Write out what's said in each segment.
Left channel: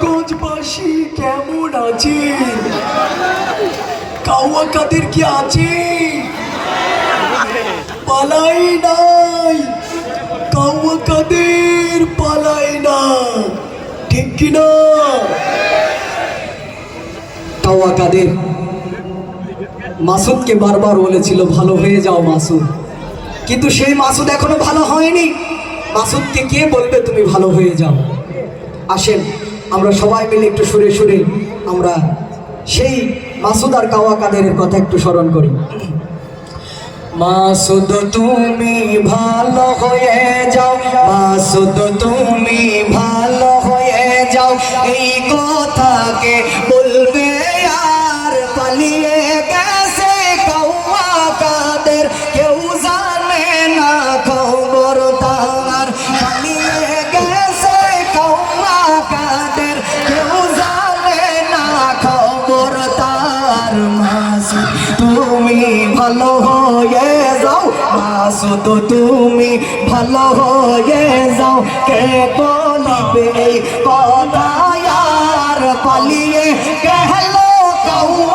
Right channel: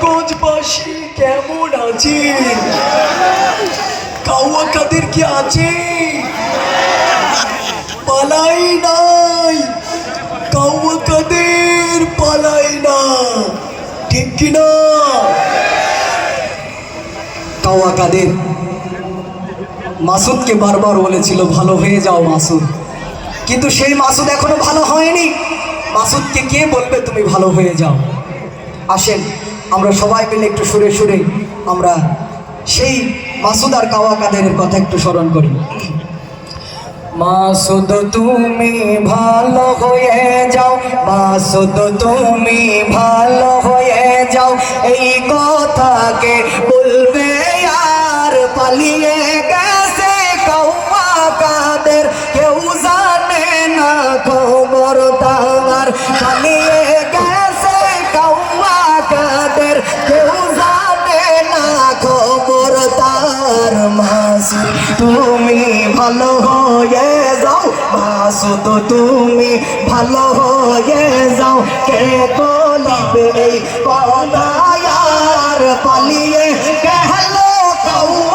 কালীগঞ্জবাসী কেমন আছে কাউয়া কাদের কি আছে? পালাই নাই। কাউয়া কাদের পালাই না ঠিক কিনা? কাউয়া কাদের? মাসুদকে বারবার বলেছিল, ভালো হয়ে যাও মাসুদ। কিন্তু সেই মাসুদ এখনও ভালো হয়নি। মাসুদকে কে বলবে তুমি ভালো হয়ে যাও? আসেন। আমরা সবাই মিলে একটু সুরে সুরে আমরা সেই মাসুদার কাওয়া কাদেরের কথা একটু স্মরণ করি। মাসুদ, তুমি ভালো হয়ে যাও। মাসুদ, তুমি ভালো কাদের কেউ জানে না খবর তার মাসুদ তুমি ভালো হয়ে যাও মাসুদ তুমি ভালো হয়ে যাও। কে বলিবে কদায়ার পালিয়ে গেলো কৌয়া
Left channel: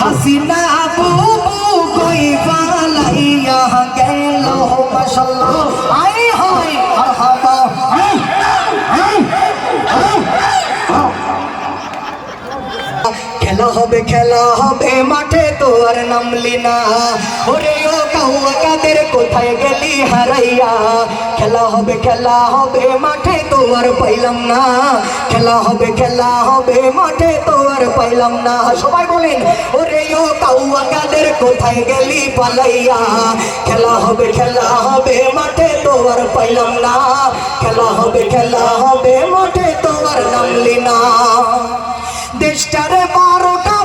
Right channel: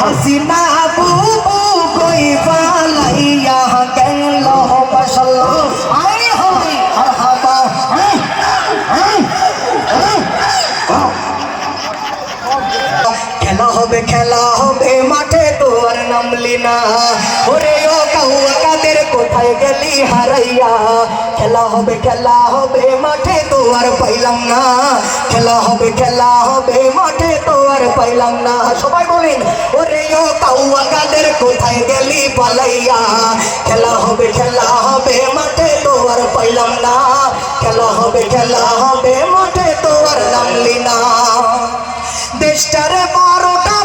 হাসিনা হবে খেলা হবে মাঠে তোর নামলি না ওরে ও কাউয়া কাদের কোথায় গেলি হারাইয়া খেলা হবে খেলা হবে মাঠে তোর পাইলাম না খেলা হবে খেলা হবে মাঠে তোর পাইলাম না সবাই বলেন ওরে ও কাউয়া কাদের কোথায় গেলি পালাইয়া খেলা হবে খেলা হবে মাঠে তোর পাইলাম না খেলা হবে খেলা হবে মাঠে তোর নামলি না দেশটারে বারোটা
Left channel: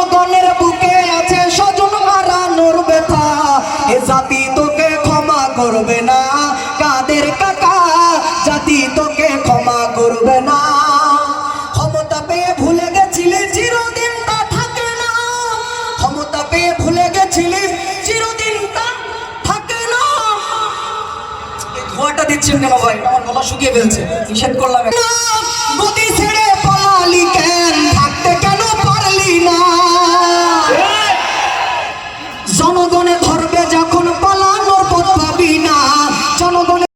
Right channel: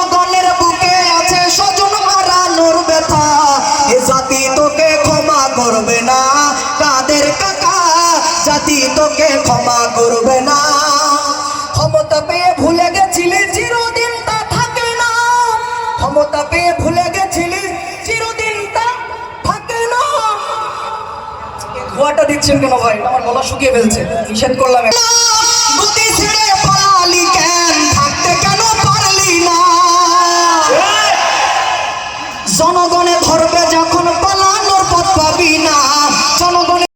জনগণের বুকে আছে স্বজন হারানোর ব্যথা। এ জাতি তোকে ক্ষমা করবে না, কাদের কাকা? জাতি তোকে ক্ষমা করবে না। কেন ভাই? আমার গলা শুকিয়ে ফেলছে, নিষেধ করলাম। গতি জনগণের ধর্ম